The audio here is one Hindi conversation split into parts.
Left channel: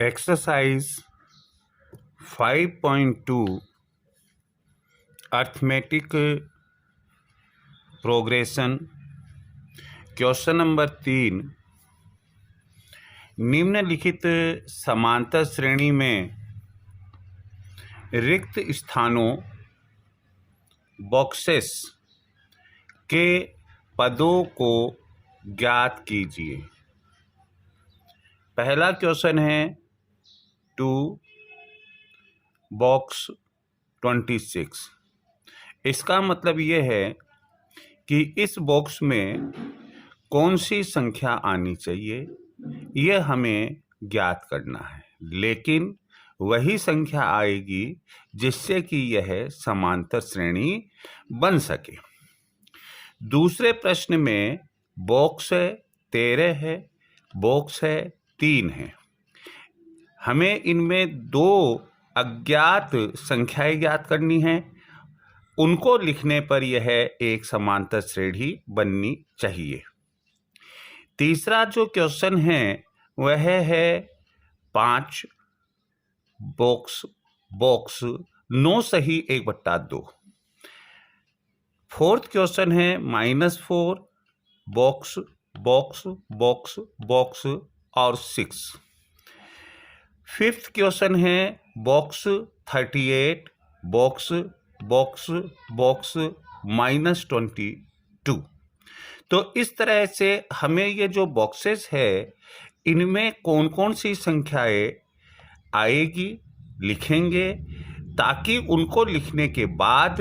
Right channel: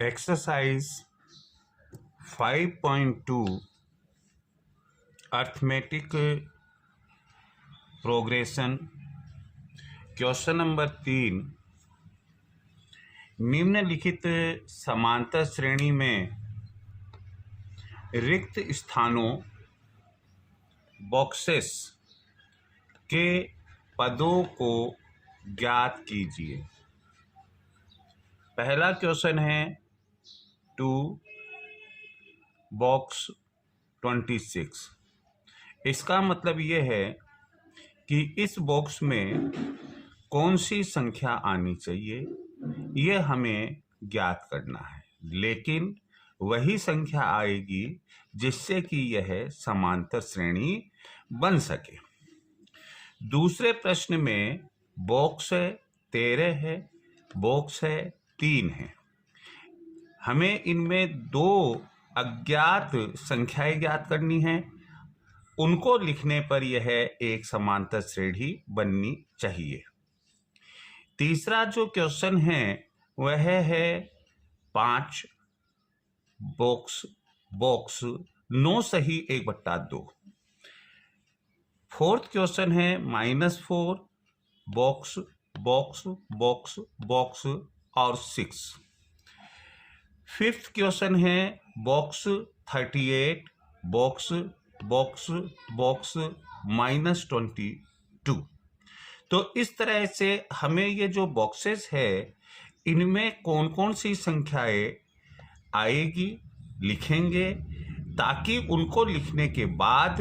Exercise 5.2 arithmetic progression question number 3। निम्नलिखित समांतर श्रेणी में रिक्त स्थानों बॉक्सेस के पदों को ज्ञात कीजिए। पहला क्वेश्चन है 2 बॉक्स 26। इसका मतलब ये है कि इस बॉक्स में कौन सी संख्या आनी चाहिए यह हमें ज्ञात करना है, लेकिन वही संख्या आएगी जिससे कि यह समांतर श्रेणी बन सके। दूसरे प्रश्न में बॉक्स 13 है, बॉक्स 3 है। हमें इनमें दो अज्ञात संख्याएं ज्ञात करनी है, उनको लिखने पर यह एक समांतर श्रेणी बननी चाहिए। तीसरा जो क्वेश्चन है वह है 5 बॉक्स 9 सही 1/2। फोर्थ क्वेश्चन है -4 बॉक्स और 6। फिफ्थ क्वेश्चन है बॉक्स 38 बॉक्स -22। तो इस तरह से हमें ये जो बॉक्सेस है इनमें कौन कौन सी संख्याएं आएगी लिखेंगे, ताकि उनको लिखने के बाद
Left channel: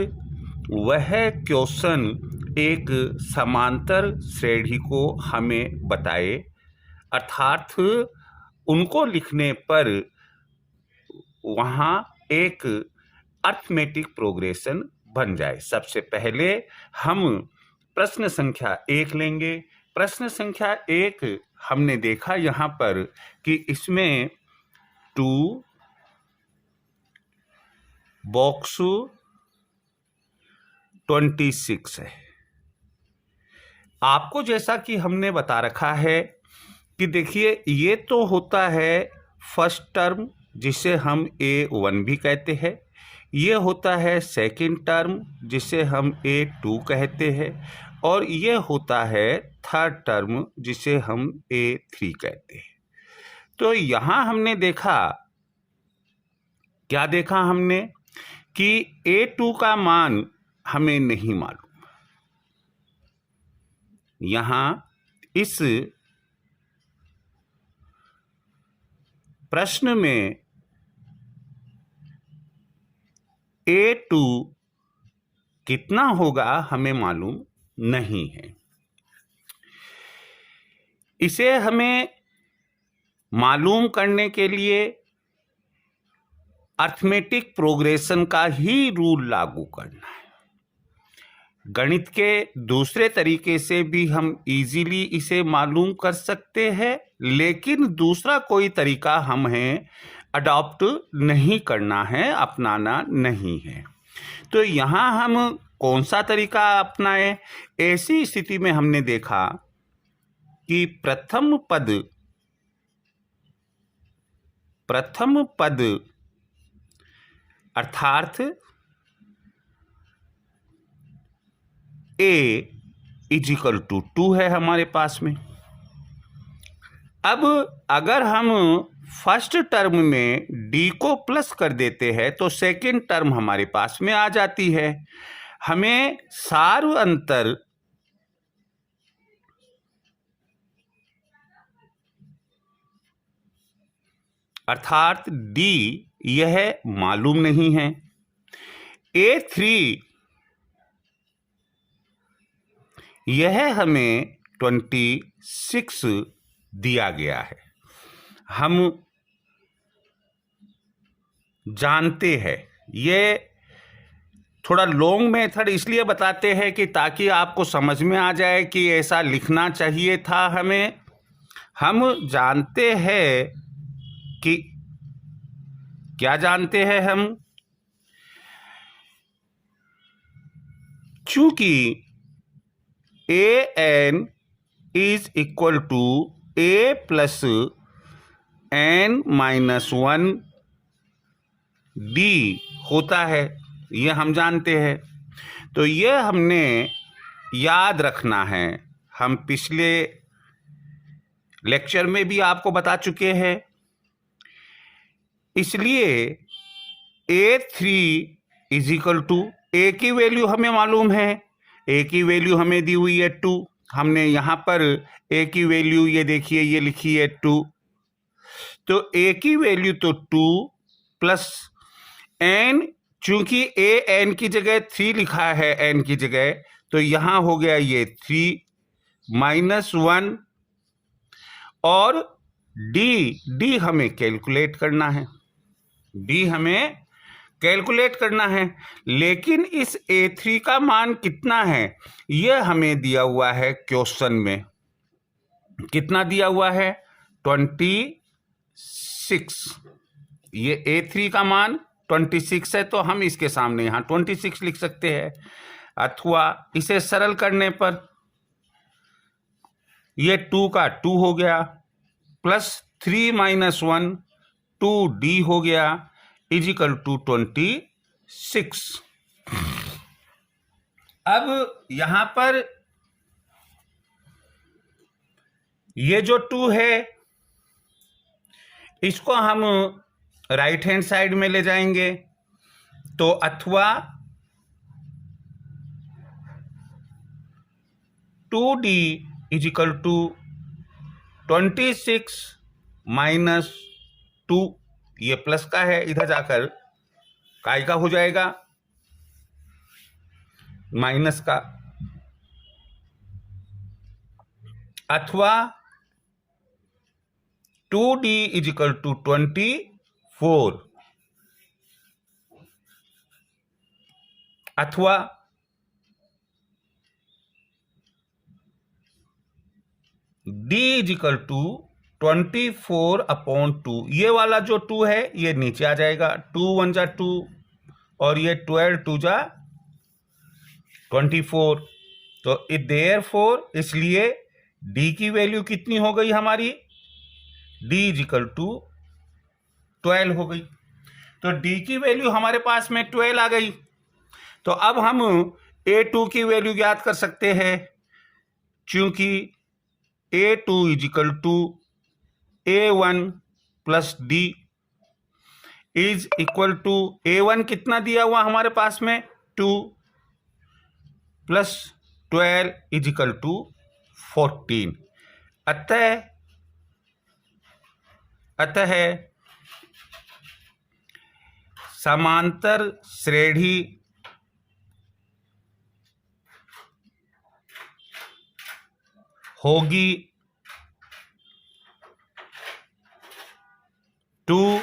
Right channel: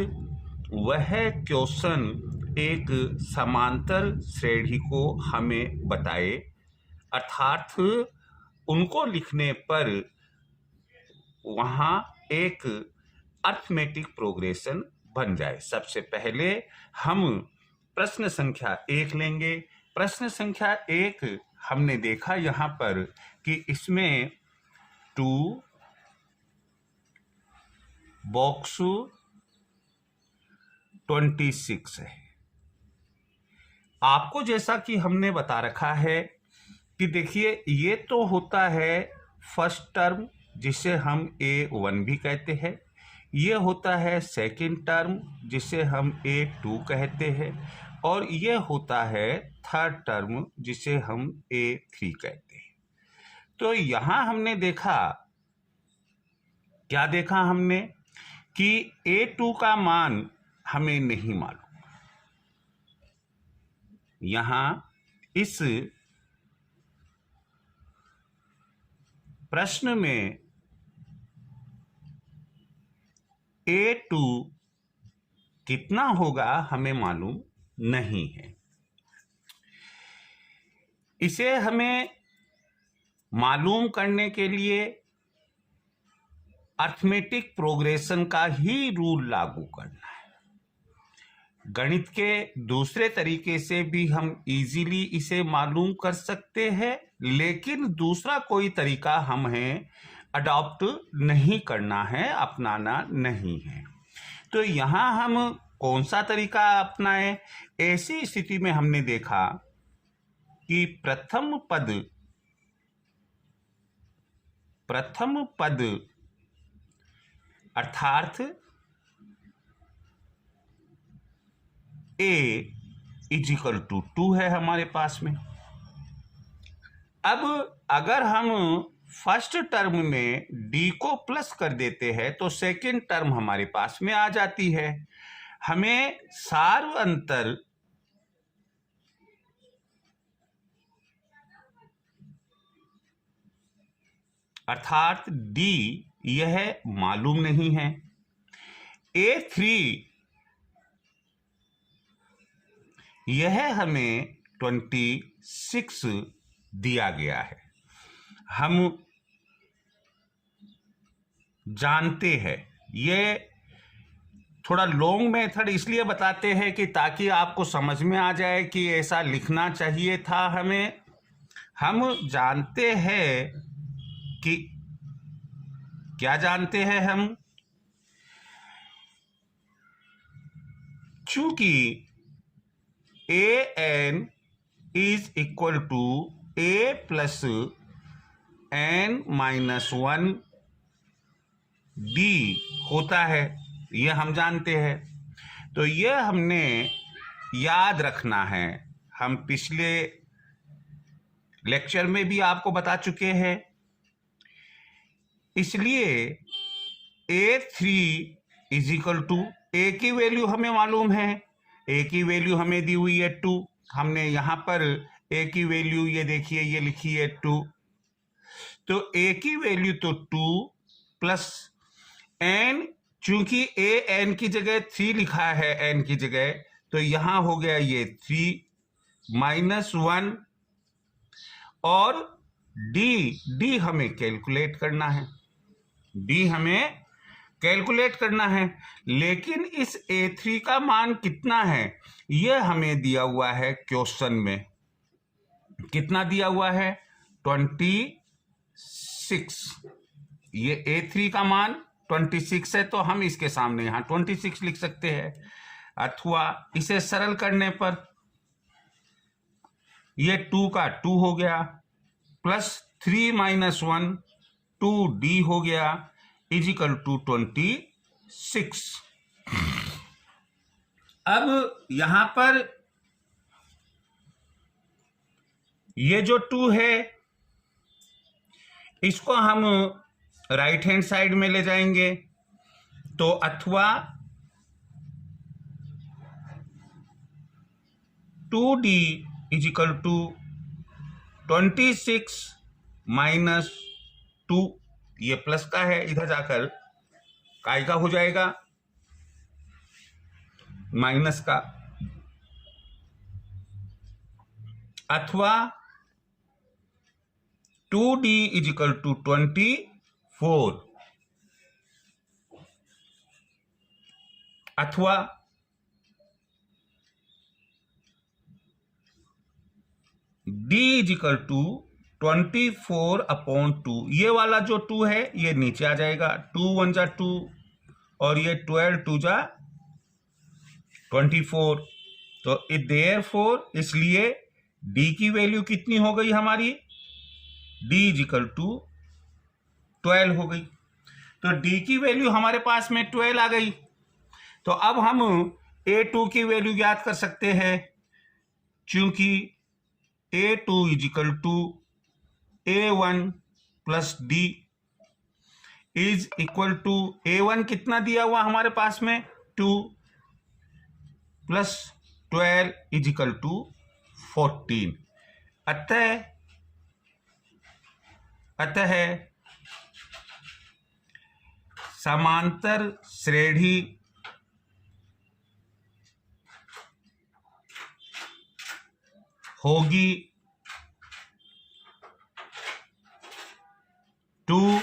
वह क्वेश्चन एक समांतर श्रेणी को हमें बताए, अर्थात उनको लिखने पर वहाँ एक अर्थमेटिक प्रोग्रेशन बन जाए। सबसे पहले हम प्रश्न संख्या 1 लेंगे। प्रश्न संख्या 1 हमने देखा यहाँ पर कि इसमें 2 बॉक्स 26 है। आपको जैसा कि हमने बता रखा है कि देखिए ये तो होता है फर्स्ट टर्म जिसे हम A1 भी कहते हैं, ये होता है सेकंड टर्म जिसे हम A2 कहते हैं, और ये होता है थर्ड टर्म जिसे हम A3 कहते हैं। तो यहाँ हमने देखा, क्या देखा हमने कि A2 का मान हमें नहीं मालूम। यहाँ इस प्रश्न में A2 कितना होगा हमें मालूम नहीं है। इसे हमें मालूम करने के लिए अर्थमेटिक प्रोग्रेशन का ही रूल लागू करना है। गणित के दूसरे तरीके से भी हम इजीली इसे मालूम कर सकते हैं, लेकिन दूसरा कोई तरीका हमें अडॉप्ट नहीं करना है, अपनाना नहीं है। तो यहाँ हम कौन सा तरीका अपनाएं? ऐसी स्थिति में हमने देखा कि प्रथम पद अर्थात A = 2 है हमारे पास में। अब अगर हम फर्स्ट टर्म में D को प्लस कर देते हैं तो सेकंड टर्म हमारे पास में आ जाती है। हमें सार्व अंतर अर्थात D यह मालूम नहीं है। A3 यह हमें 26 दिया गया है। हम जानते हैं, ये थोड़ा लॉन्ग मेथड इसलिए बताते हैं कि ताकि आपको समझ में आ जाए कि ऐसा लिखना चाहिए था हमें। हम जानते हैं कि क्या जानते हैं हम, चूंकि AN = A + n-1 d होता है, ये हम जानते हैं। तो ये हमने याद रखना है, हम पिछले लेक्चर में भी आपको बता चुके हैं। इसलिए A3 इज इक्वल टू, ए की वैल्यू हमें मालूम है, ए की वैल्यू हमें दी हुई है 2, हमने यहाँ पर ए की वैल्यू ये देखिए ये लिखी है 2, तो ए की वैल्यू तो 2 प्लस एन, चूंकि ए एन की जगह 3 लिखा है एन की जगह, तो यहां हो गया ये 3 माइनस 1, और डी हमें कैलकुलेट करना है, डी हमें कैलकुलेट करना है। लेकिन इस A3 का मान कितना है यह हमें दिया हुआ है क्वेश्चन में, कितना दिया हुआ है 26। ये A3 का मान 26 है, तो हम इसके सामने यहां 26 लिख सकते हैं, अथवा इसे सरल करने पर ये 2 का 2 हो गया, प्लस 3 माइनस 1 2d हो गया, इज इक्वल टू 26। अब यहां पर ये जो 2 है इसको हम राइट हैंड साइड में ले जाएंगे, तो अथवा 2d is equal to 26 minus 2, ये प्लस का है, इधर जाकर काय का हो जाएगा माइनस का, अथवा 2d इज इक्वल टू 24, अथवा d इज इक्वल टू 24/2, ये वाला जो 2 है ये नीचे आ जाएगा, 2 1 जा 2 और ये 12 2 जा 24, तो देयरफॉर इसलिए d की वैल्यू कितनी हो गई हमारी, d इज इक्वल टू 12 हो गई। तो d की वैल्यू हमारे पास में 12 आ गई, तो अब हम A2 की वैल्यू ज्ञात कर सकते हैं, क्योंकि A2 is equal to A1 plus D is equal to, A1 कितना दिया हुआ हमारे पास में 2 प्लस 12 इज इक्वल टू 14। अतः समांतर श्रेणी होगी 2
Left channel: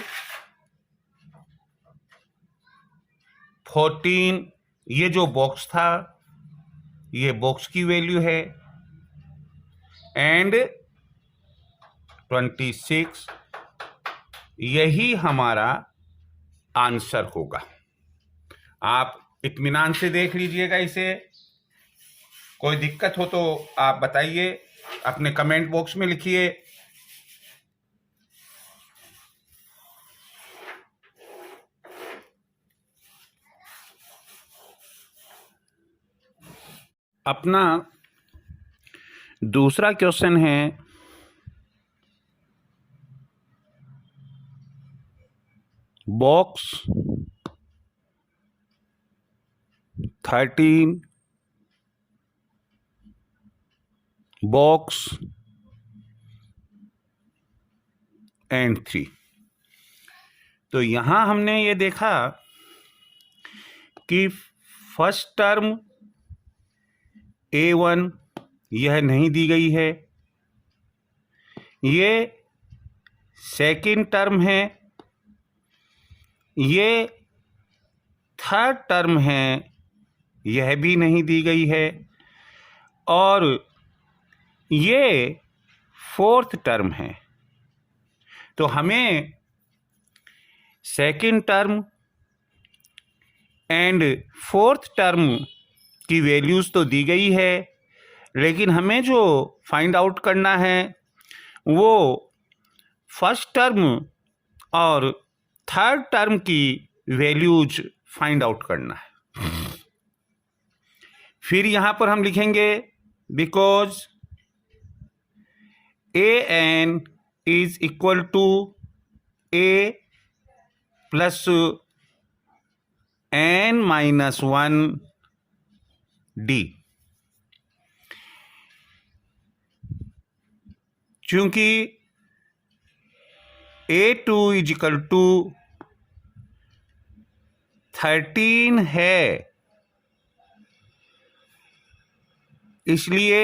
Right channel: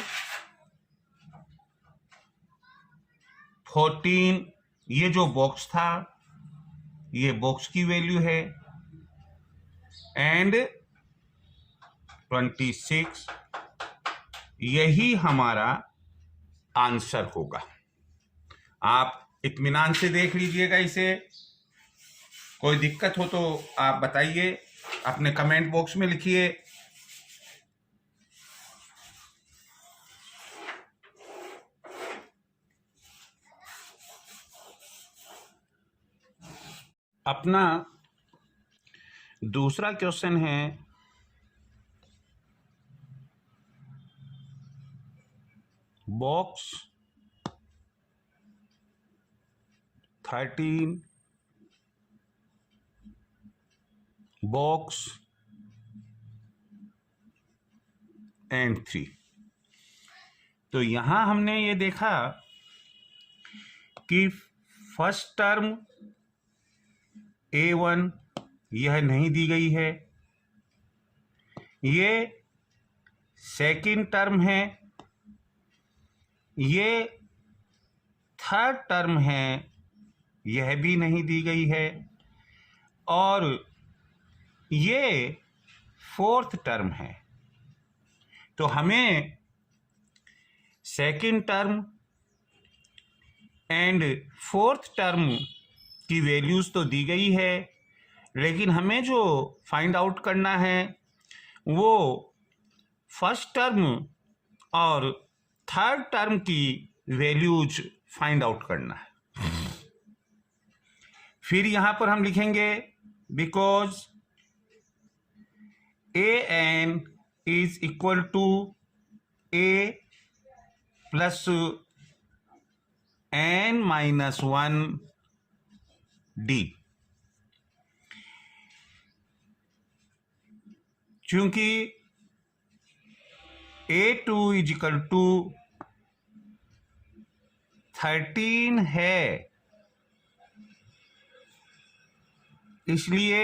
14, ये जो बॉक्स था ये बॉक्स की वैल्यू है, एंड 26, यही हमारा आंसर होगा। आप इत्मीनान से देख लीजिएगा इसे, कोई दिक्कत हो तो आप बताइए, अपने कमेंट बॉक्स में लिखिए। अपना दूसरा क्वेश्चन है, बॉक्स 13 बॉक्स एंड 3। तो यहां हमने ये देखा कि फर्स्ट टर्म A1 यह नहीं दी गई है, ये सेकंड टर्म है, ये थर्ड टर्म है, यह भी नहीं दी गई है, और ये फोर्थ टर्म है। तो हमें second term and fourth term की वैल्यूज तो दी गई है, लेकिन हमें जो फाइंड आउट करना है वो फर्स्ट टर्म और थर्ड टर्म की वैल्यूज फाइंड आउट करना है। फिर यहां पर हम लिखेंगे because an is equal to a plus n minus 1 d। चूंकि a2 इज इक्वल टू 13 है, इसलिए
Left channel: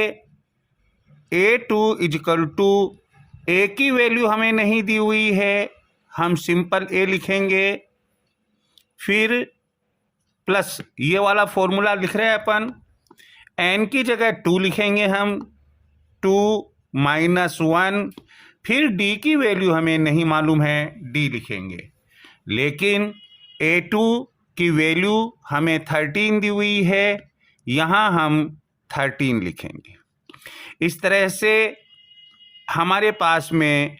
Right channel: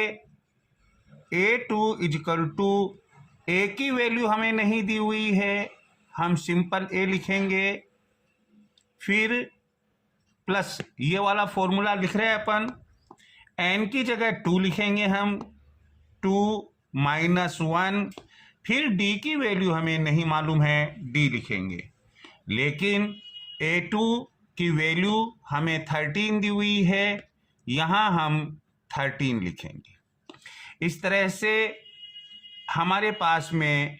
a2 is equal to a की वैल्यू हमें नहीं दी हुई है, हम सिंपल a लिखेंगे। फिर प्लस ये वाला फॉर्मूला लिख रहे हैं अपन, n की जगह 2 लिखेंगे हम, 2 माइनस 1। फिर d की वैल्यू हमें नहीं मालूम है, d लिखेंगे। लेकिन a2 की वैल्यू हमें 13 दी हुई है, यहाँ हम 13 लिखेंगे। इस तरह से हमारे पास में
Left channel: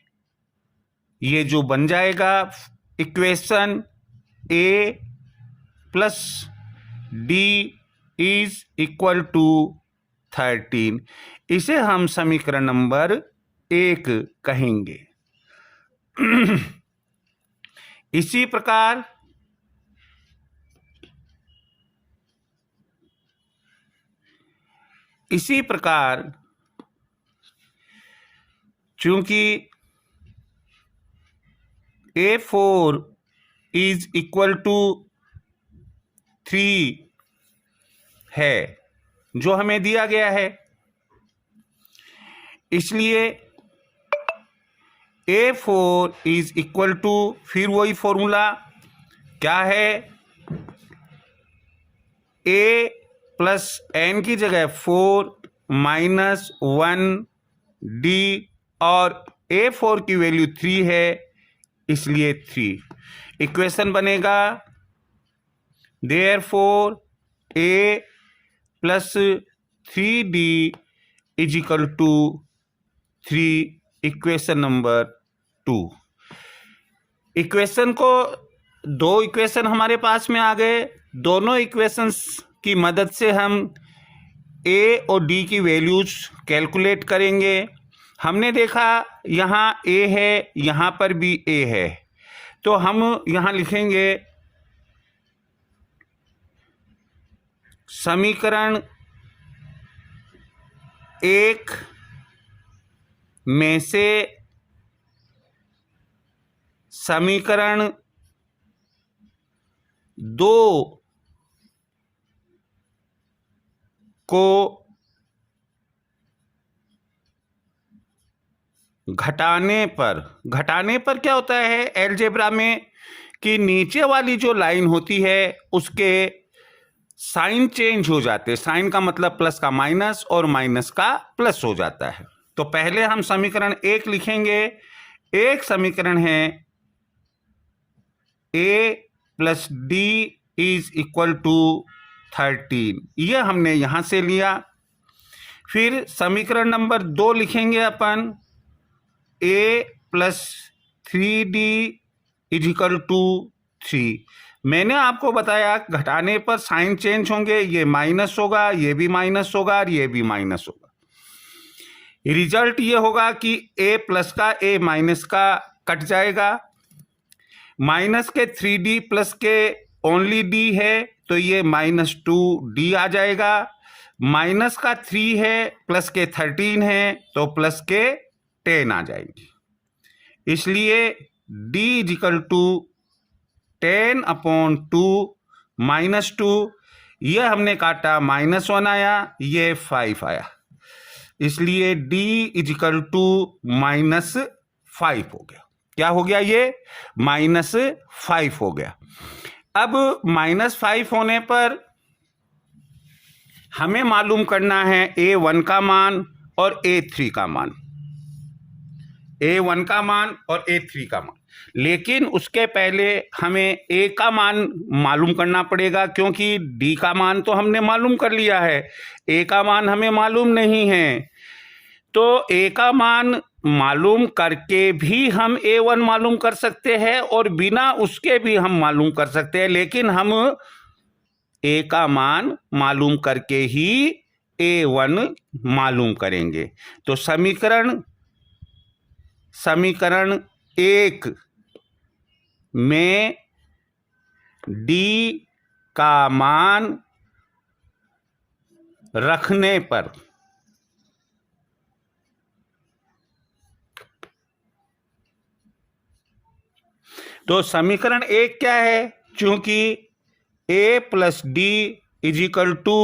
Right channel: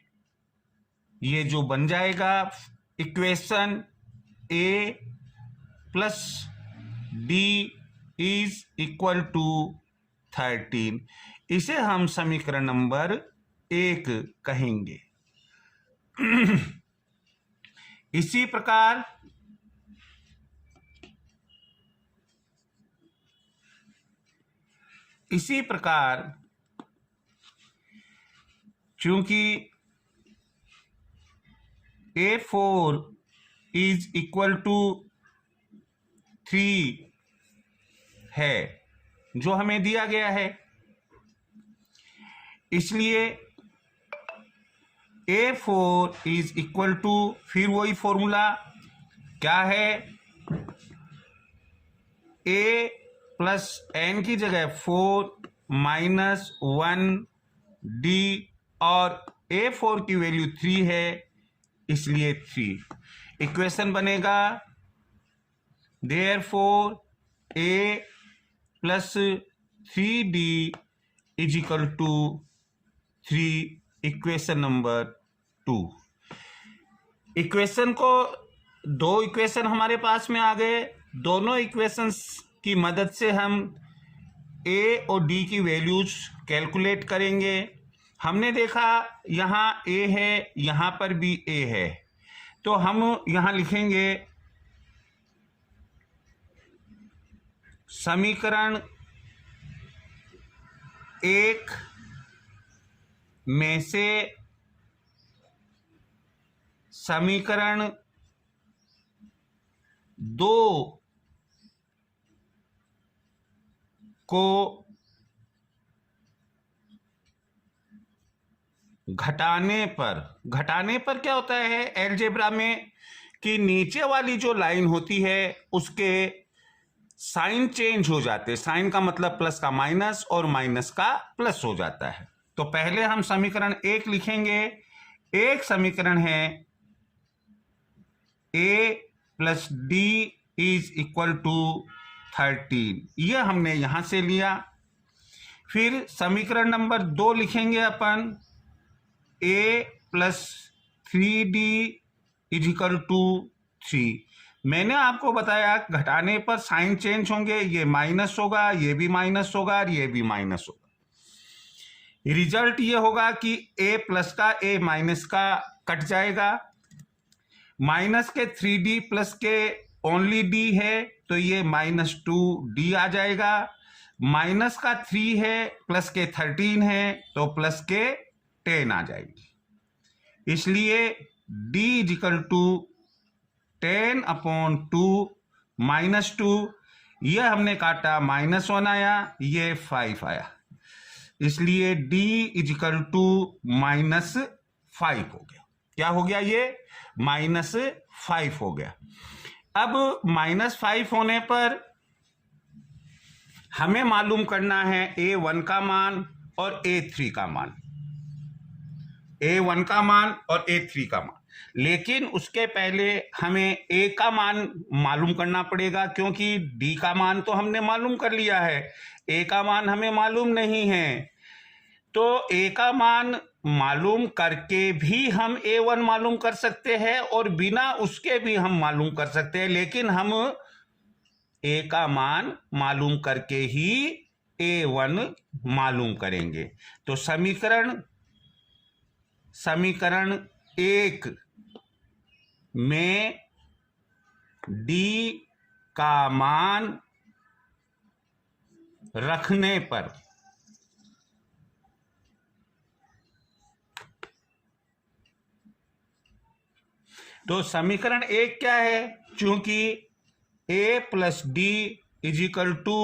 ये जो बन जाएगा equation a plus d is equal to 13। इसे हम समीकरण नंबर 1 कहेंगे। इसी प्रकार चूंकि a4 इज इक्वल टू 3 है, जो हमें दिया गया है, इसलिए a4 इज इक्वल टू, फिर वही फॉर्मूला क्या है, a प्लस n की जगह 4 माइनस 1 d, और a4 की वैल्यू 3 है, इसलिए 3। इक्वेशन बनेगा therefore a plus 3d is equal to 3, equation number 2। Equation को, दो इक्वेशन हमारे पास में आ गए। दोनों इक्वेशंस की मदद से हम a और d की वैल्यूज कैलकुलेट करेंगे। हमने देखा यहाँ a है, यहाँ पर भी a है, तो हम यहाँ लिखेंगे समीकरण 1 में से समीकरण 2 को घटाने पर क्या होता है अलजेब्रा में कि नीचे वाली जो लाइन होती है उसके साइन चेंज हो जाते हैं। साइन का मतलब प्लस का माइनस और माइनस का प्लस हो जाता है। तो पहले हम समीकरण 1 लिखेंगे। एक समीकरण है a plus d is equal to 13, यह हमने यहां से लिया। फिर समीकरण नंबर 2 लिखेंगे अपन, a plus 3d is equal to 3। मैंने आपको बताया घटाने पर साइन चेंज होंगे, ये माइनस होगा, ये भी माइनस होगा और ये भी माइनस होगा। रिजल्ट ये होगा कि a प्लस का a माइनस का कट जाएगा। माइनस के 3d प्लस के ओनली d है, तो ये -2d आ जाएगा। माइनस का 3 है, प्लस के 13 है, तो प्लस के 10 आ जाएगी। इसलिए d इज इक्वल टू 10/2 -2, यह हमने काटा -1 आया, ये 5 आया, इसलिए d इज इक्वल टू -5 हो गया। क्या हो गया? ये -5 हो गया। अब -5 होने पर हमें मालूम करना है a1 का मान और a3 का मान, a1 का मान और a3 का मान। लेकिन उसके पहले हमें a का मान मालूम करना पड़ेगा, क्योंकि d का मान तो हमने मालूम कर लिया है, a का मान हमें मालूम नहीं है। तो a का मान मालूम करके भी हम A1 मालूम कर सकते हैं और बिना उसके भी हम मालूम कर सकते हैं, लेकिन हम A का मान मालूम करके ही A1 मालूम करेंगे। तो समीकरण 1 में D का मान रखने पर तो समीकरण 1 क्या है? चूंकि A plus D is equal to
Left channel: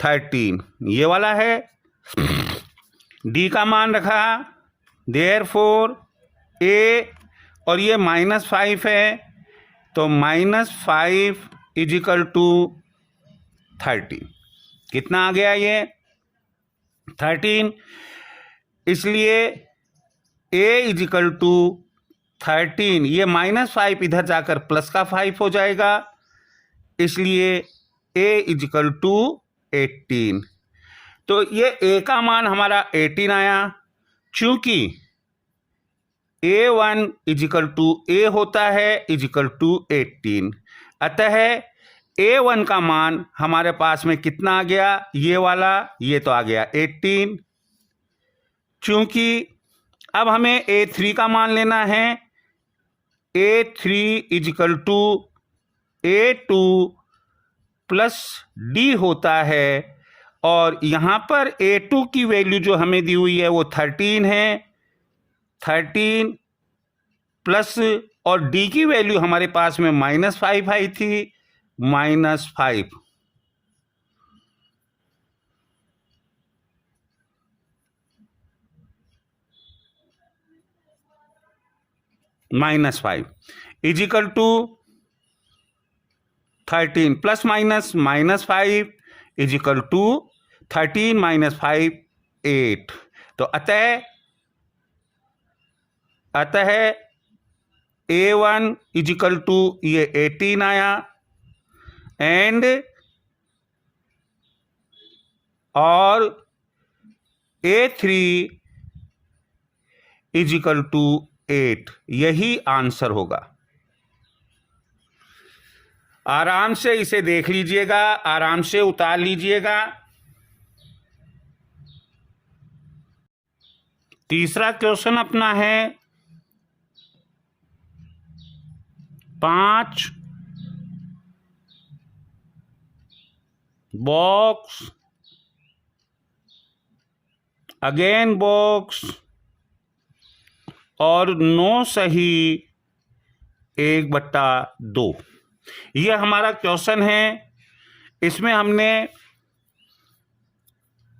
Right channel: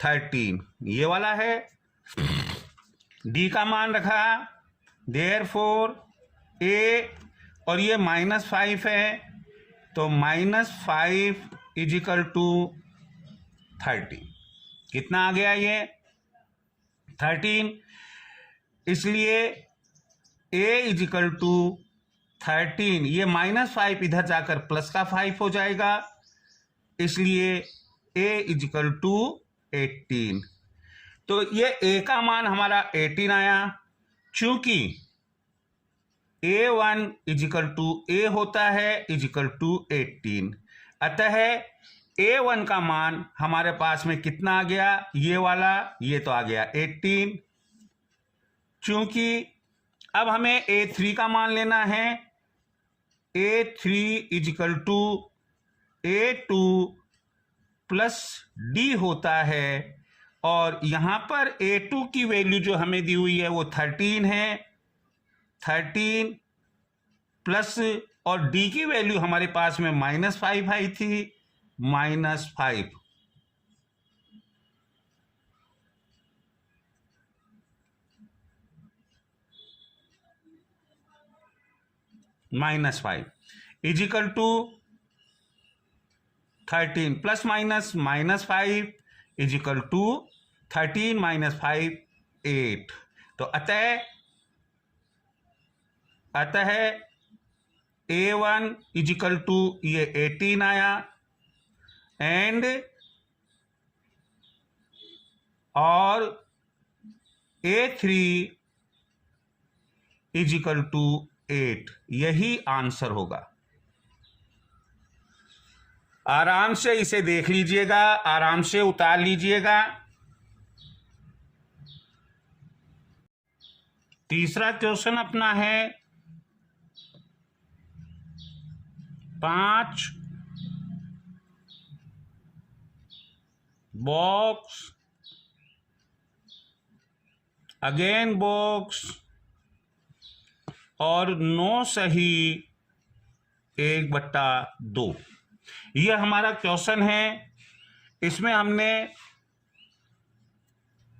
13, ये वाला है। D का मान रखा, देयरफॉर A, और ये -5 है, तो -5 इज इक्वल टू 13। कितना आ गया ये? 13। इसलिए A इज इक्वल टू 13, ये -5 इधर जाकर प्लस का 5 हो जाएगा, इसलिए A इज इक्वल टू 18। तो ये A का मान हमारा 18 आया। चूंकि A1 is equal to A होता है इज इक्वल टू 18, अतः A1 का मान हमारे पास में कितना आ गया? ये वाला, ये तो आ गया 18। चूंकि अब हमें A3 का मान लेना है, A3 is equal to A2 plus D होता है, और यहाँ पर A2 की वैल्यू जो हमें दी हुई है वो 13 है। 13 प्लस, और D की वैल्यू हमारे पास में -5 आई थी, -5। -5 is equal to 13 plus minus -5 is equal to 13 - 5 8। तो अतः A1 इज इक्वल टू ये 18 आया, एंड और A3 इज इक्वल टू 8। यही आंसर होगा। आराम से इसे देख लीजिएगा, आराम से उतार लीजिएगा। तीसरा क्वेश्चन अपना है 5 बॉक्स अगेन बॉक्स और 9 सही 1/2। यह हमारा क्वेश्चन है। इसमें हमने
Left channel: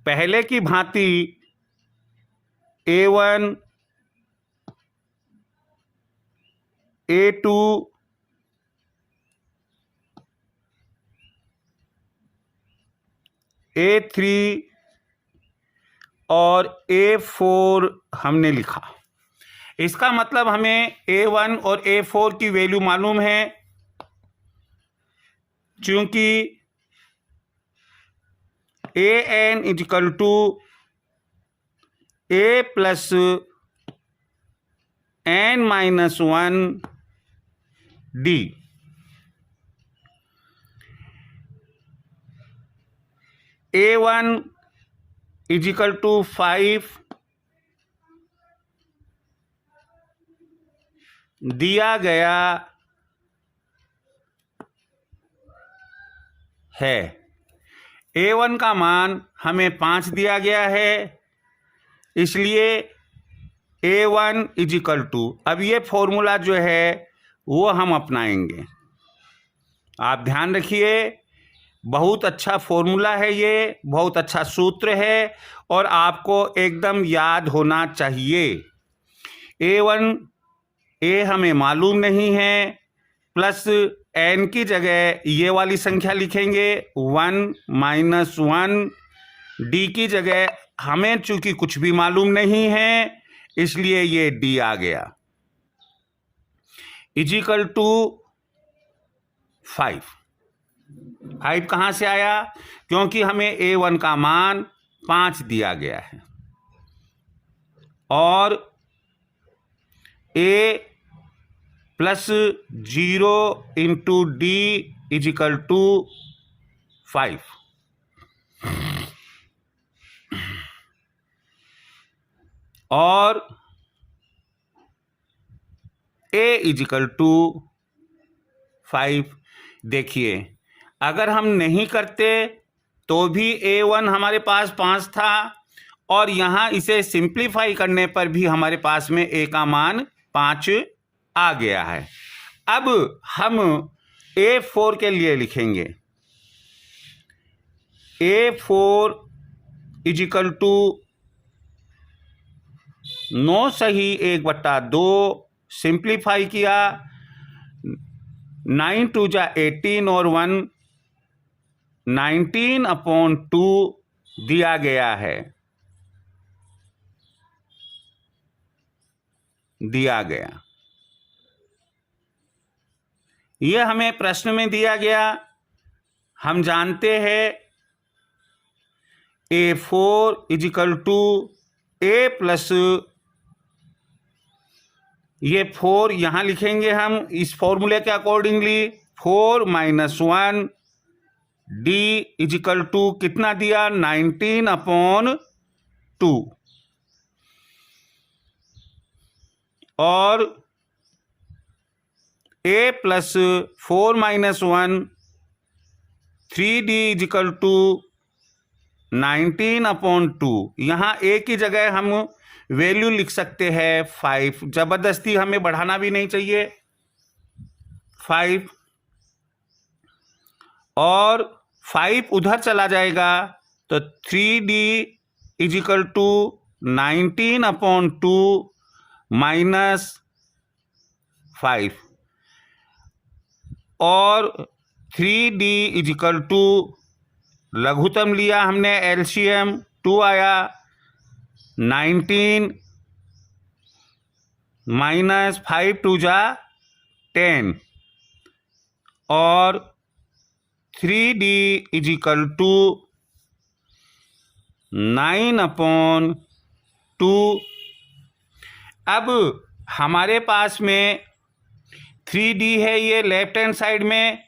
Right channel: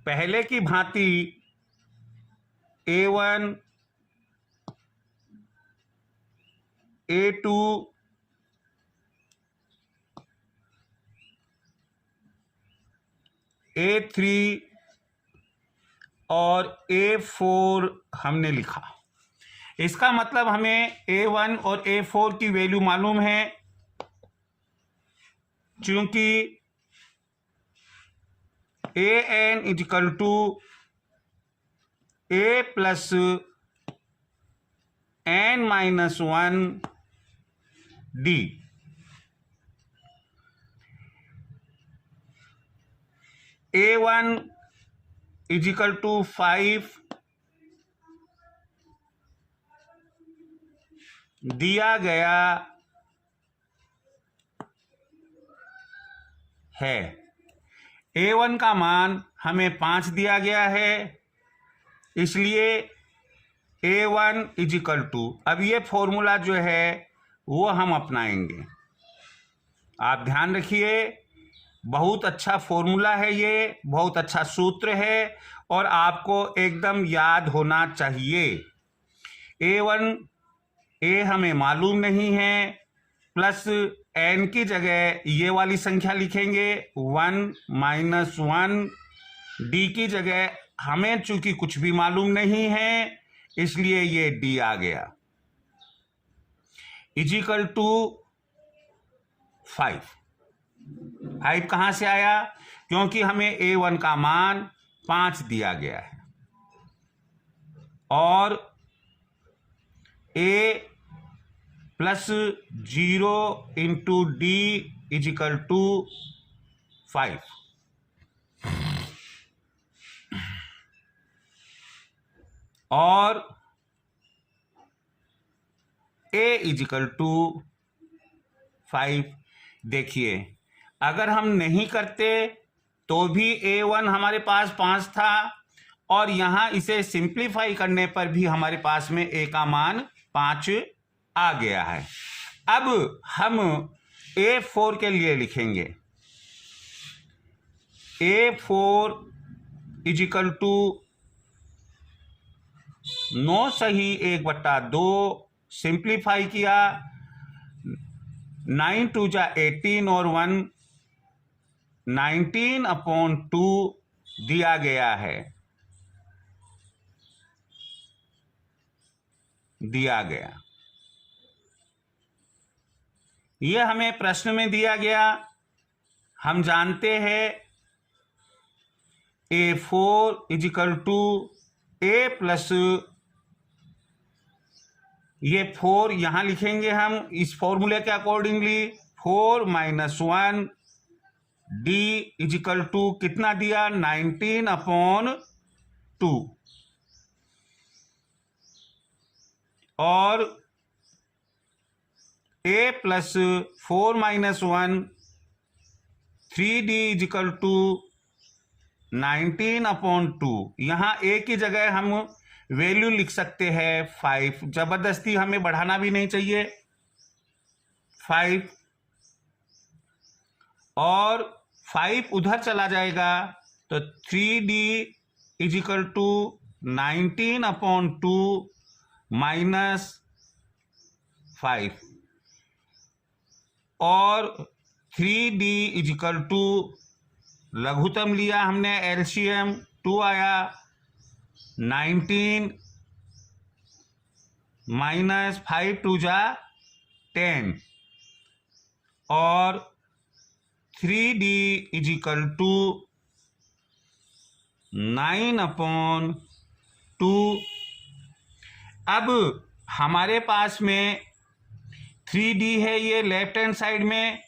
पहले की भांति A1, A2, A3 और A4 हमने लिखा। इसका मतलब हमें A1 और A4 की वैल्यू मालूम है, चूंकि AN is equal to A plus N-1 D। A1 is equal to 5 दिया गया है। A1 का मान हमें 5 दिया गया है, इसलिए A1 इज इक्वल टू, अब ये फॉर्मूला जो है वो हम अपनाएंगे। आप ध्यान रखिए, बहुत अच्छा फॉर्मूला है, ये बहुत अच्छा सूत्र है और आपको एकदम याद होना चाहिए। A हमें मालूम नहीं है, प्लस n की जगह ये वाली संख्या लिखेंगे 1 - 1। D की जगह हमें चूंकि कुछ भी मालूम नहीं है, इसलिए ये D आ गया, इज इक्वल टू 5। 5 कहाँ से आया? क्योंकि हमें A1 का मान 5 दिया गया है और a plus 0 into D is equal to 5। और a इज इक्वल टू 5। देखिए, अगर हम नहीं करते तो भी a1 हमारे पास 5 था, और यहां इसे सिंप्लीफाई करने पर भी हमारे पास में a का मान 5 आ गया है। अब हम a4 के लिए लिखेंगे a4 इज इक्वल टू 9 सही 1/2, सिंप्लीफाई किया 9 2 जा 18 और 1 19/2 दिया गया है, दिया गया। यह हमें प्रश्न में दिया गया। हम जानते हैं a4 is equal to a plus, ये 4 यहां लिखेंगे हम इस फॉर्मूले के accordingly, 4 - 1 d is equal to कितना दिया 19/2, और a plus 4 - 1 3d is equal to 19/2। यहां a की जगह हम वैल्यू लिख सकते हैं 5, जबरदस्ती हमें बढ़ाना भी नहीं चाहिए, 5, और 5 उधर चला जाएगा तो 3d is equal to 19/2 minus 5, और 3d इज इक्वल टू लघुत्तम लिया हमने एलसीएम 2 आया, 19 माइनस 5 2 जा 10, और 3d इज इक्वल टू 9/2। अब हमारे पास में 3d है ये लेफ्ट हैंड साइड में,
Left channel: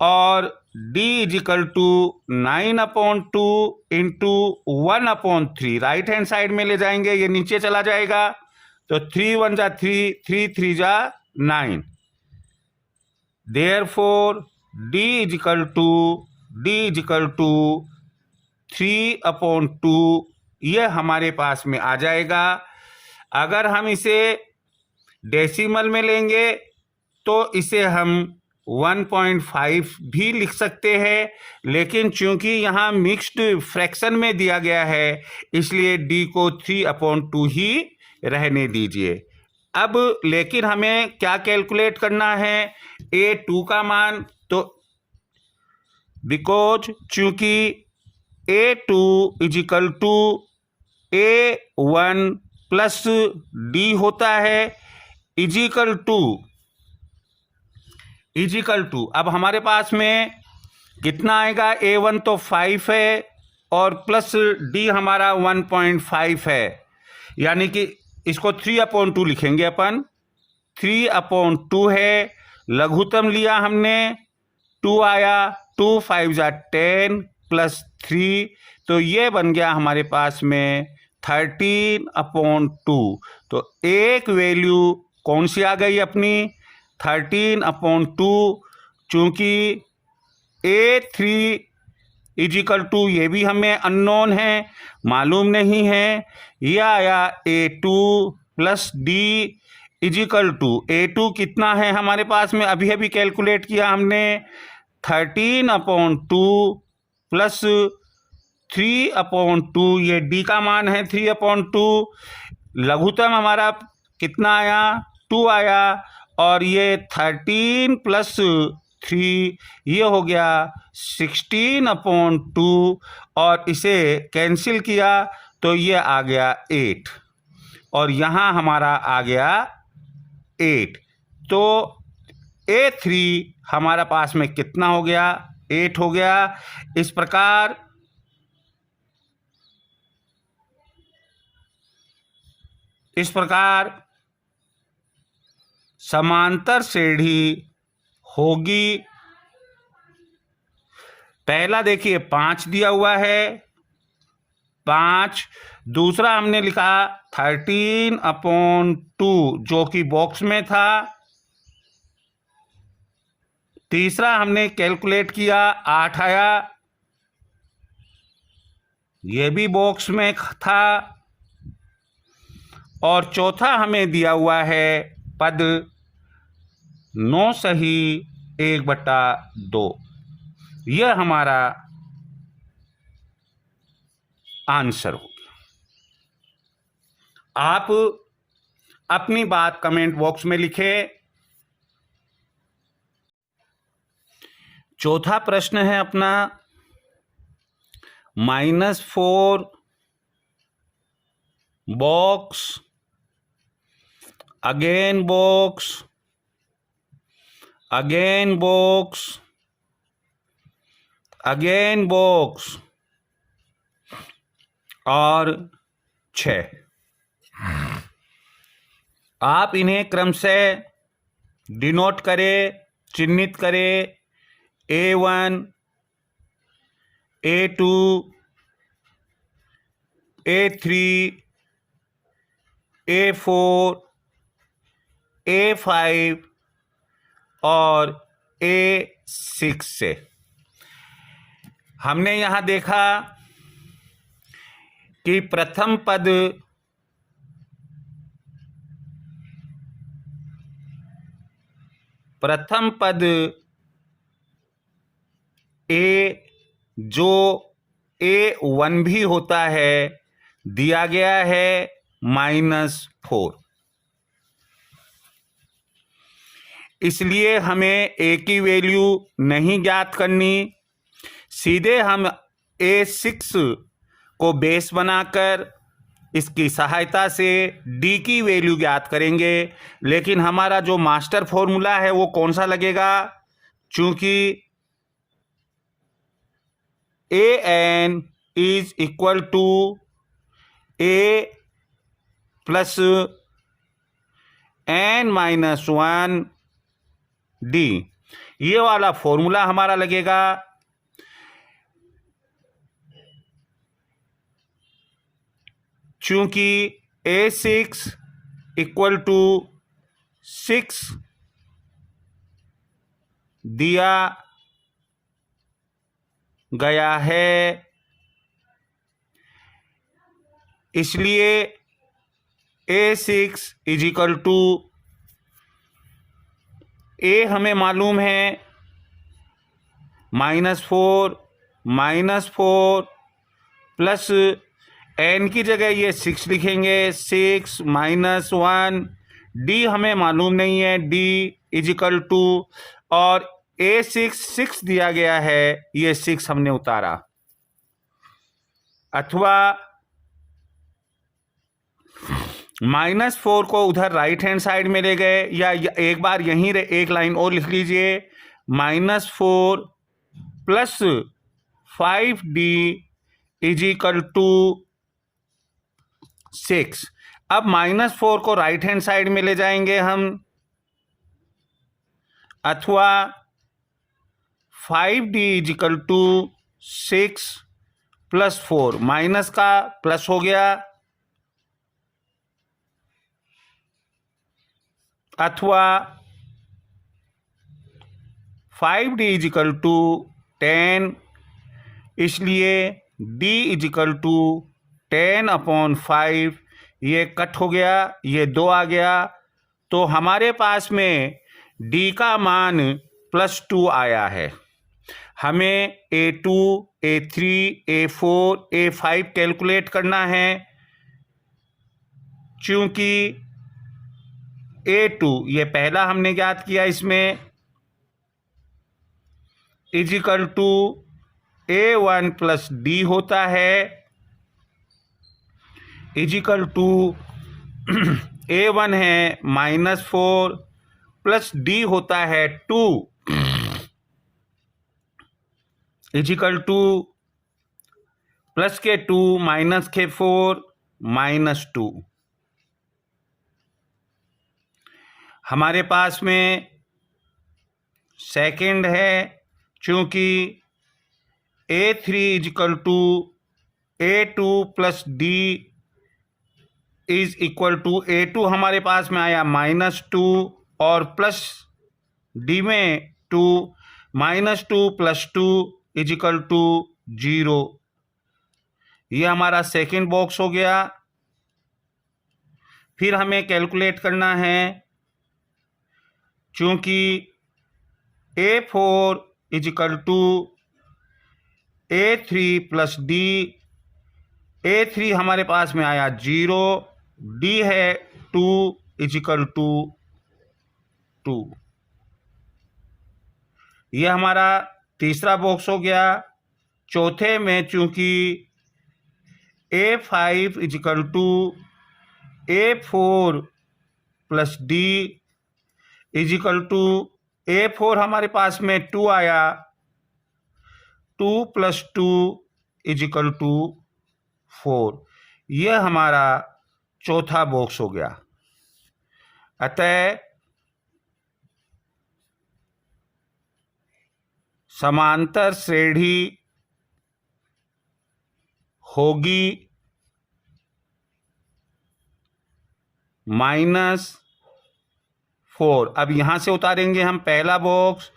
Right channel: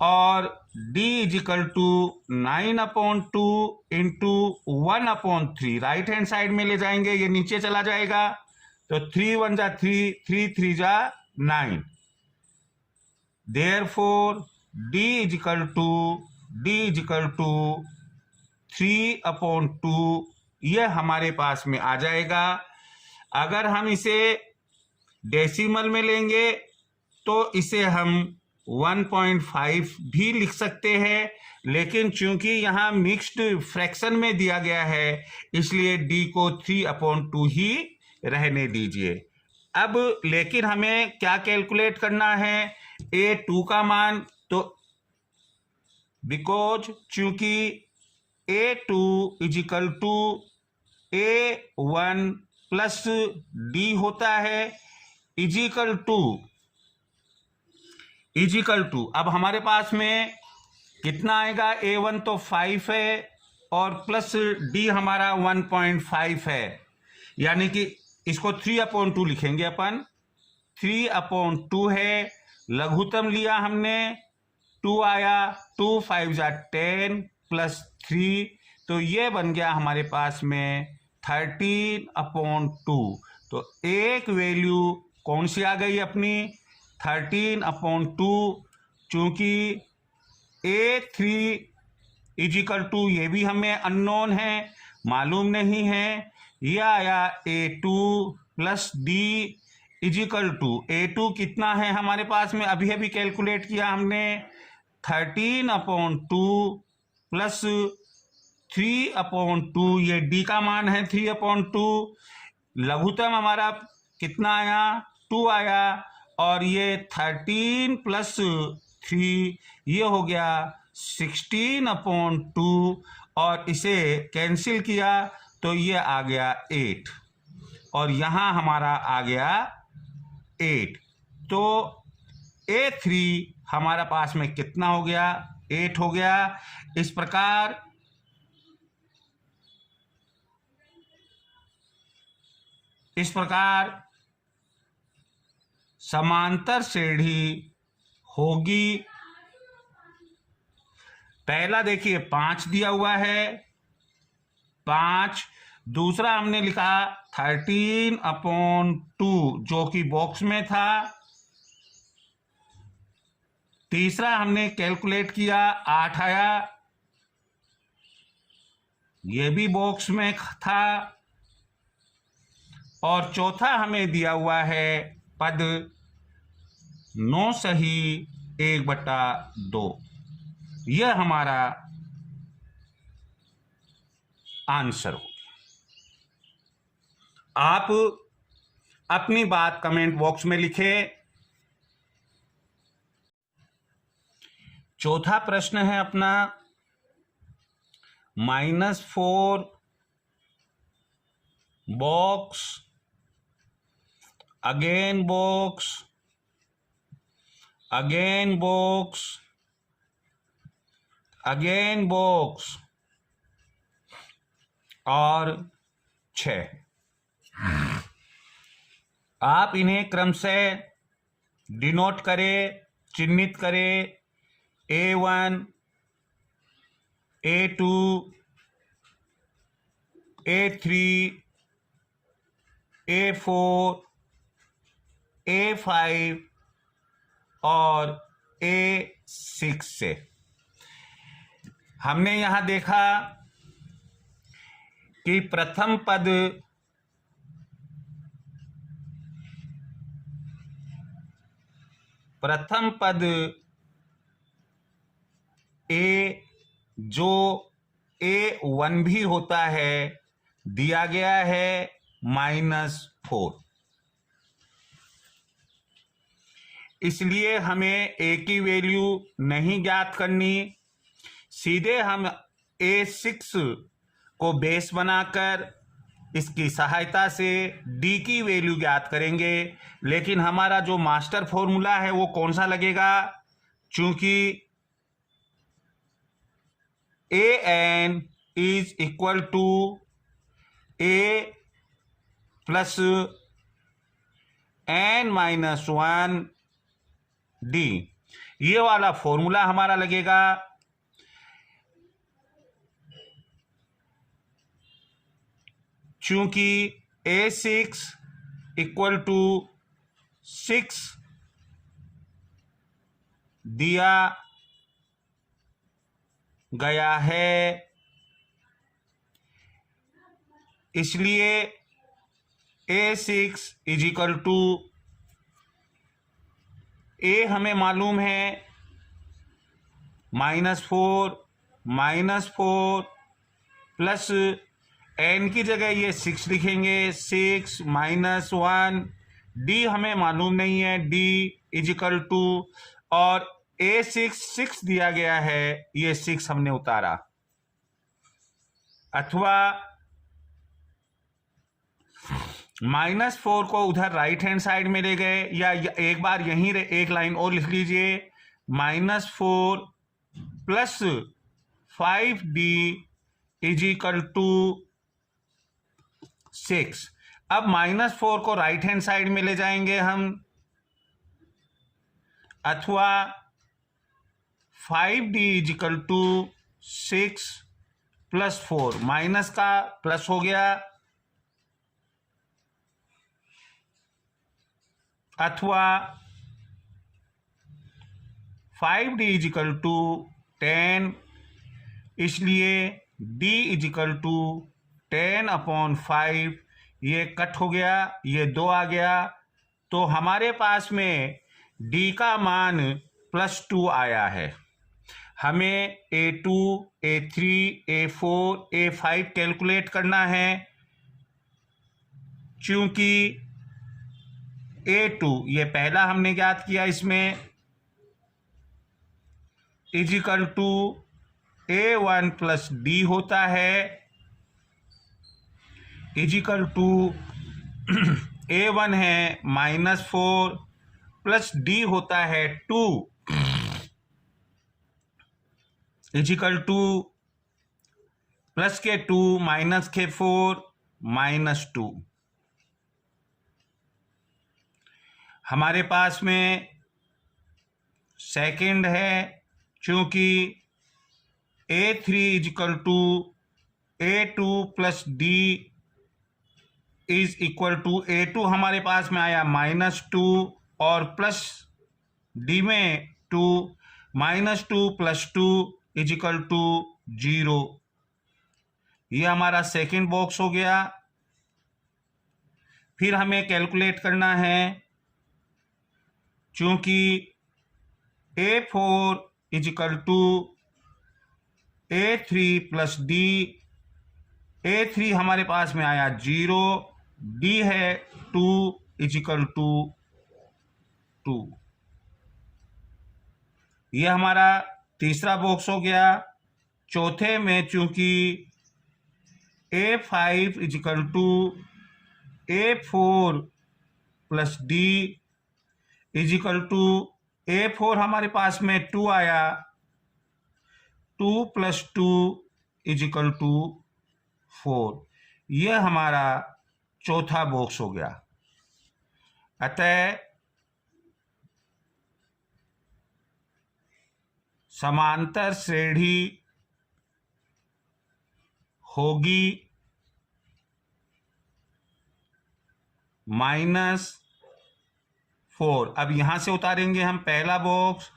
और d is equal to 9/2 into 1/3 right hand side में ले जाएंगे, ये नीचे चला जाएगा तो 3 1 जा 3, 3 3 जा 9। Therefore d is equal to 3/2, ये हमारे पास में आ जाएगा। अगर हम इसे डेसिमल में लेंगे तो इसे हम 1.5 भी लिख सकते हैं, लेकिन चूंकि यहाँ मिक्स्ड फ्रैक्शन में दिया गया है इसलिए d को 3/2 ही रहने दीजिए। अब लेकिन हमें क्या कैलकुलेट करना है, a2 का मान, तो बिकॉज चूंकि a2 is equal to a1 plus d होता है, इज इक्वल टू अब हमारे पास में कितना आएगा, a1 तो 5 है और प्लस d हमारा 1.5 है, यानी कि इसको 3/2 लिखेंगे अपन, 3/2 है, लघुत्तम लिया हमने 2 आया, 2 5 जा 10 प्लस 3, तो ये बन गया हमारे पास में 13/2। तो एक वैल्यू कौन सी आ गई अपनी 13/2, चूंकि a3 इज इक्वल टू, ये भी हमें अननोन है, मालूम नहीं है, यह आया a2 plus d is equal to, a2 कितना है हमारे पास में अभी अभी कैलकुलेट किया हमने 13/2 प्लस 3/2, ये d का मान है 3/2, लघुत्तम हमारा कितना आया 2 आया, और ये 13 प्लस 3 ये हो गया 16/2, और इसे कैंसिल किया तो ये आ गया 8, और यहाँ हमारा आ गया 8, तो a3 हमारा पास में कितना हो गया 8 हो गया। इस प्रकार इस प्रकार समांतर श्रेणी होगी। पहला देखिए 5 दिया हुआ है, 5। दूसरा हमने लिखा 13/2 जो कि बॉक्स में था। तीसरा हमने कैलकुलेट किया 8 आया, यह भी बॉक्स में था। और चौथा हमें दिया हुआ है पद 9 सही 1/2। यह हमारा आंसर हो गया। आप अपनी बात कमेंट बॉक्स में लिखें। चौथा प्रश्न है अपना -4 box, again box, again box, again box और 6। आप इन्हें क्रम से डिनोट करें, चिन्हित करें। A1, A2, A3, A4, A5 और A6 से। हमने यहां देखा कि प्रथम पद ए जो A1 भी होता है दिया गया है -4। इसलिए हमें A की वैल्यू नहीं ज्ञात करनी, सीधे हम A6 को बेस बनाकर इसकी सहायता से D की वैल्यू ज्ञात करेंगे। लेकिन हमारा जो मास्टर फॉर्मूला है वो कौन सा लगेगा? चूंकि AN is equal to A plus N-1 D, ये वाला फॉर्मूला हमारा लगेगा। चूंकि A6 इक्वल टू 6 दिया गया है, इसलिए A6 is equal to A हमें मालूम है -4 प्लस N की जगह ये 6 लिखेंगे, 6 -1। D हमें मालूम नहीं है, D इज इक्वल टू, और A6 दिया गया है, ये 6 हमने उतारा। अथवा -4 को उधर राइट हैंड साइड में ले गए, या एक बार यहीं एक लाइन और लिख लीजिए, -4 plus 5D is equal to 6। अब -4 को राइट हैंड साइड में ले जाएंगे हम, अथवा 5D is equal to 6 plus 4, minus का प्लस हो गया, अथवा 5D इज इक्वल टू 10, इसलिए D इज इक्वल टू 10/5। ये कट हो गया, ये 2 आ गया, तो हमारे पास में D का मान +2 आया है। हमें A2, A3, A4, A5 calculate करना है। चूंकि A2 ये पहला हमने ज्ञात किया, इसमें is equal to A1 plus D होता है, इज इक्वल टू A1 है -4 प्लस D होता है 2, इज इक्वल टू प्लस के 2 माइनस के 4 -2। हमारे पास में सेकंड है, चूंकि A3 is equal to A2 plus D is equal to A2 हमारे पास में आया -2 और प्लस डी में 2, -2 + 2 इज इक्वल टू 0। ये हमारा सेकंड बॉक्स हो गया। फिर हमें कैलकुलेट करना है, चूंकि A4 is equal to A3 plus D, A3 हमारे पास में आया 0, डी है 2 इज इक्वल टू 2। ये हमारा तीसरा बॉक्स हो गया। चौथे में चूंकि A5 is equal to A4 plus D is equal to A4 हमारे पास में 2 आया, 2 + 2 इज इक्वल टू 4। यह हमारा चौथा बॉक्स हो गया। अतः समांतर श्रेणी होगी -4। अब यहां से उतारेंगे हम पहला बॉक्स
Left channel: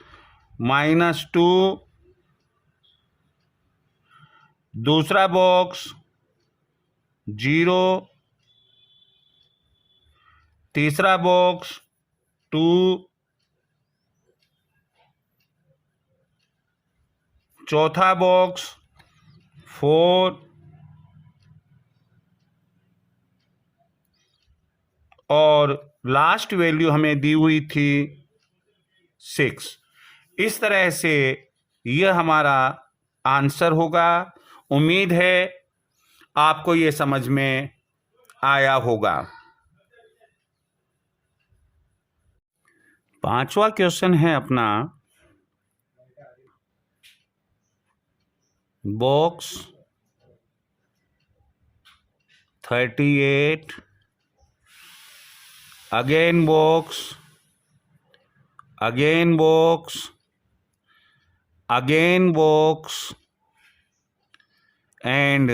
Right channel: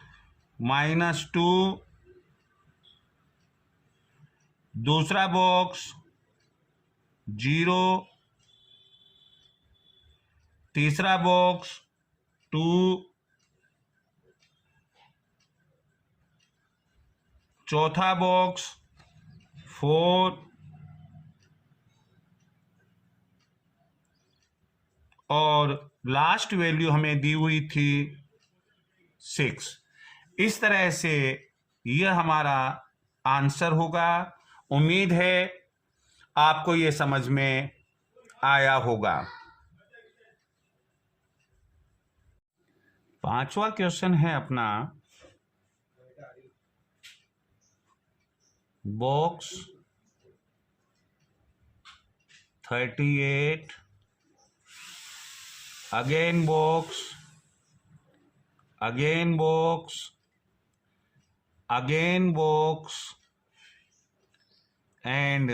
-2, दूसरा बॉक्स 0, तीसरा बॉक्स 2, चौथा बॉक्स 4 और लास्ट वैल्यू हमें दी हुई थी 6। इस तरह से यह हमारा आंसर होगा। उम्मीद है आपको ये समझ में आया होगा। पांचवा क्वेश्चन है अपना box 38, again box, again box, again box and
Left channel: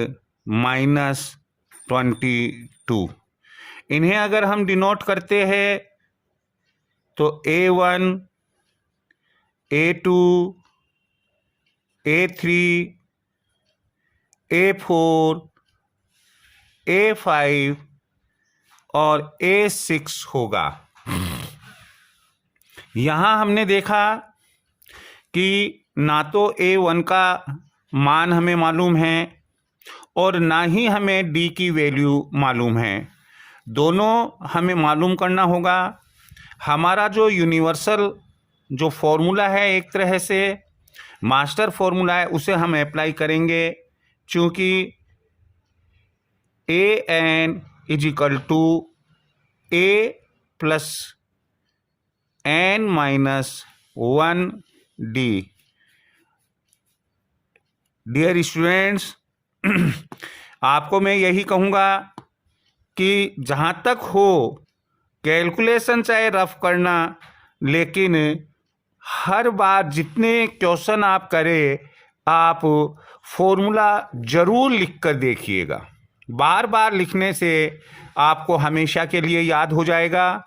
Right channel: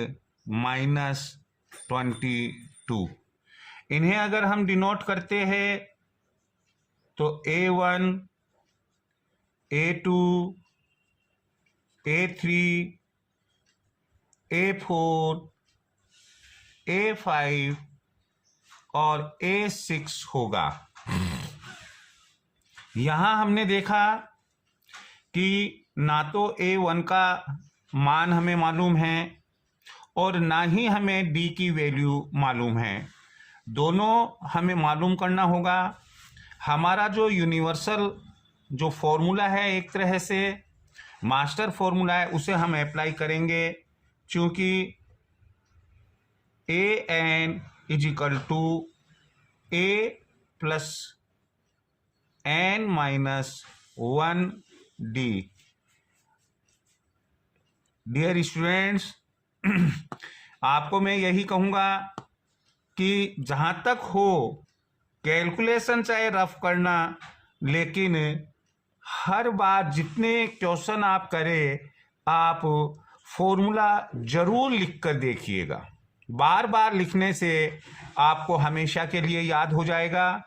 -22। इन्हें अगर हम डिनोट करते हैं तो A1, A2, A3, A4, A5 और A6 होगा। यहां हमने देखा कि ना तो A1 का मान हमें मालूम है और ना ही हमें D की वैल्यू मालूम है। दोनों हमें मालूम करना होगा। हमारा जो यूनिवर्सल जो फॉर्मूला है, एक तरह से मास्टर फॉर्मूला है, उसे हम अप्लाई करेंगे। चूंकि AN is equal to A plus N-1D। Dear students, आपको मैं यही कहूँगा कि जहाँ तक हो कैलकुलेशन चाहे रफ करना, लेकिन हर बार जितने क्वेश्चन आप करें आप फॉर्मूला जरूर लिख कर देखिएगा। बार बार लिखने से आपको हमेशा के लिए याद हो जाएगा।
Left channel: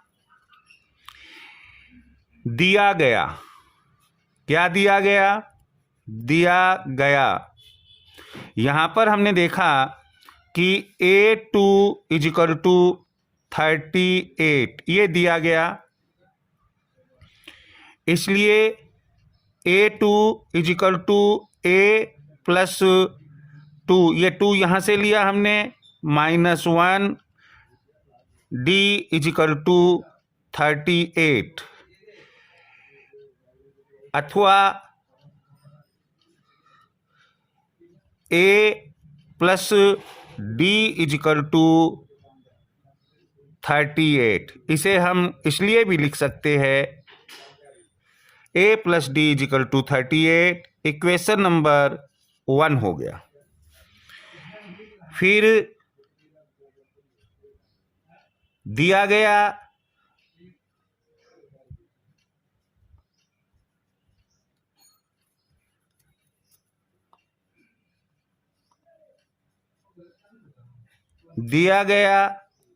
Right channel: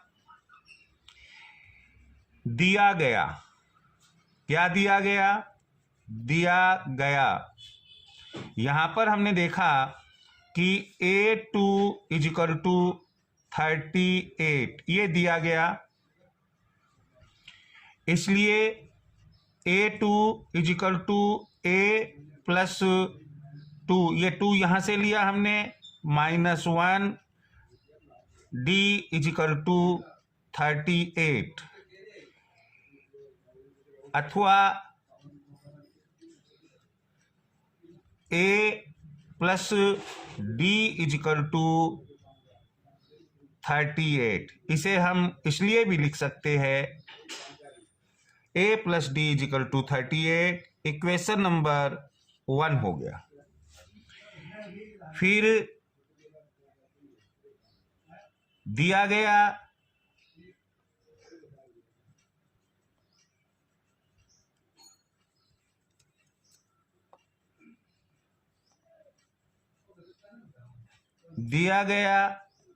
दिया गया, क्या दिया गया? दिया गया यहां पर हमने देखा कि A2 इज इक्वल टू 38 ये दिया गया, इसलिए A2 is equal to A plus 2, ये 2 यहां से लिया हमने, -1 D इज इक्वल टू 38, अथवा A plus D is equal to 38। इसे हम इसलिए भी लिख सकते हैं A plus D is equal to 38। Equation number 1 हो गया। फिर दिया गया दिया गया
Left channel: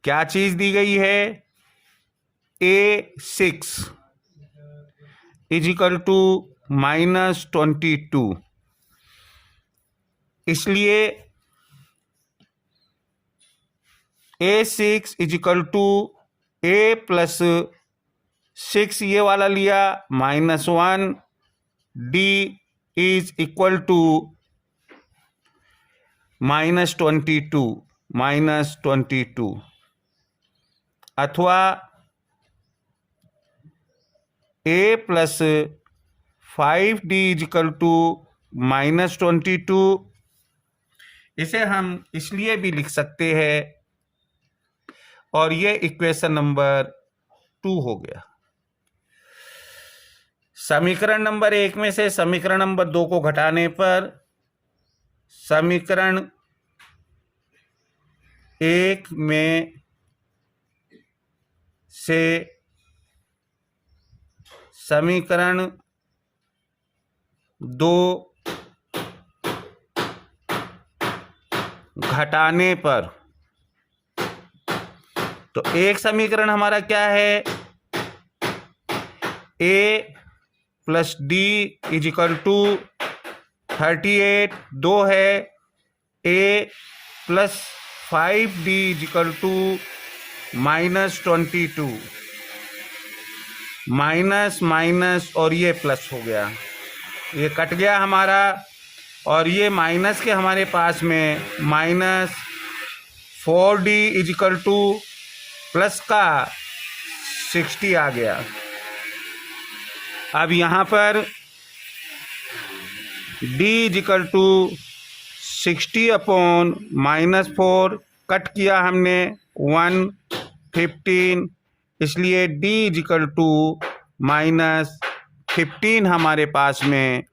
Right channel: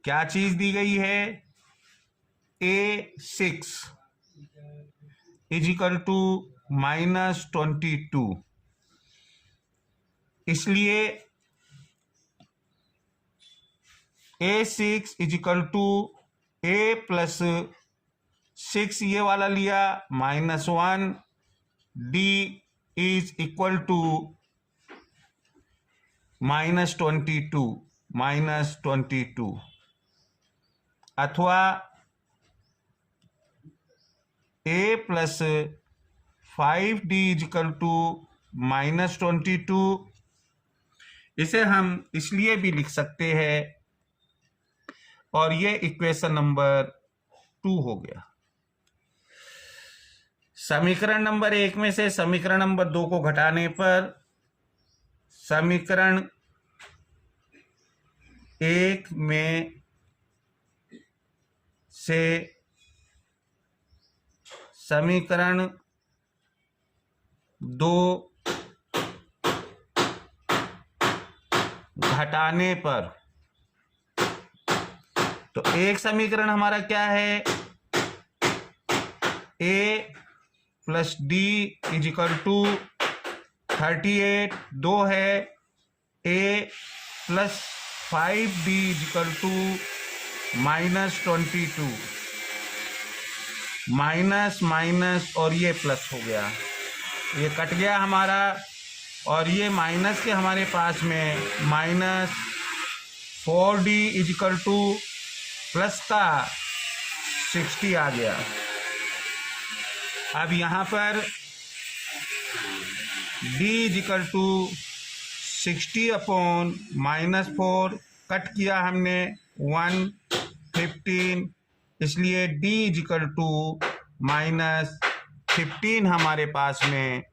क्या चीज दी गई है, A6 इज इक्वल टू -22, इसलिए A6 is equal to A+6 ये वाला लिया -1, D इज इक्वल टू -22 अथवा A+5D इज इक्वल टू -22। इसे हम इसलिए भी लिख सकते हैं, और ये इक्वेशन नंबर 2 हो गया। समीकरण नंबर 1 में से समीकरण नंबर 2 को घटाने पर समीकरण 1 में से समीकरण 2 घटाने पर, तो एक समीकरण हमारा क्या है, A+D इज इक्वल टू 38, 2 है A+5D is equal to -22, minus minus और ये प्लस हो गया, ये कट गया हमारा, और ये माइनस के हमारे पास में -4D is equal two plus का 60 आ गया। अब यहाँ पर D is equal to 60/-4 cut किया हमने 115, इसलिए D इज इक्वल टू -15 हमारे पास में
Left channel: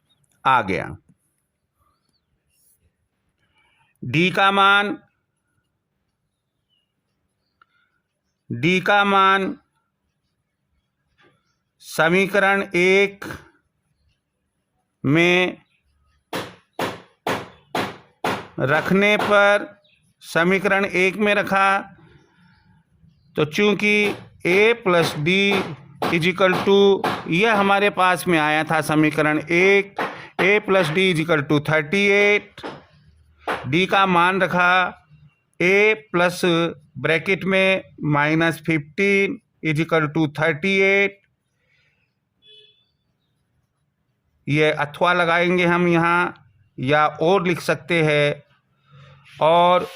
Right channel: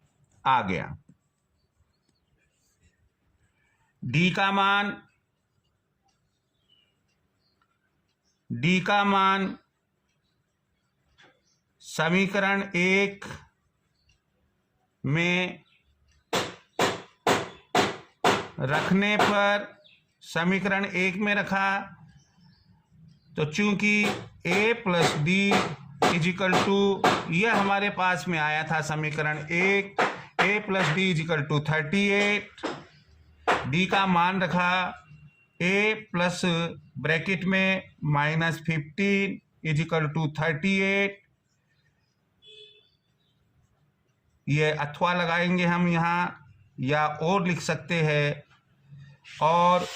आ गया। D का मान समीकरण 1 में रखने पर, समीकरण 1 में रखा तो चूंकि A+D इज इक्वल टू, यह हमारे पास में आया था समीकरण 1, A+D is equal to 38, D का मान रखा A प्लस ब्रैकेट में -15 इज इक्वल टू 38, ये अथवा लगाएंगे हम यहाँ, या और लिख सकते हैं, और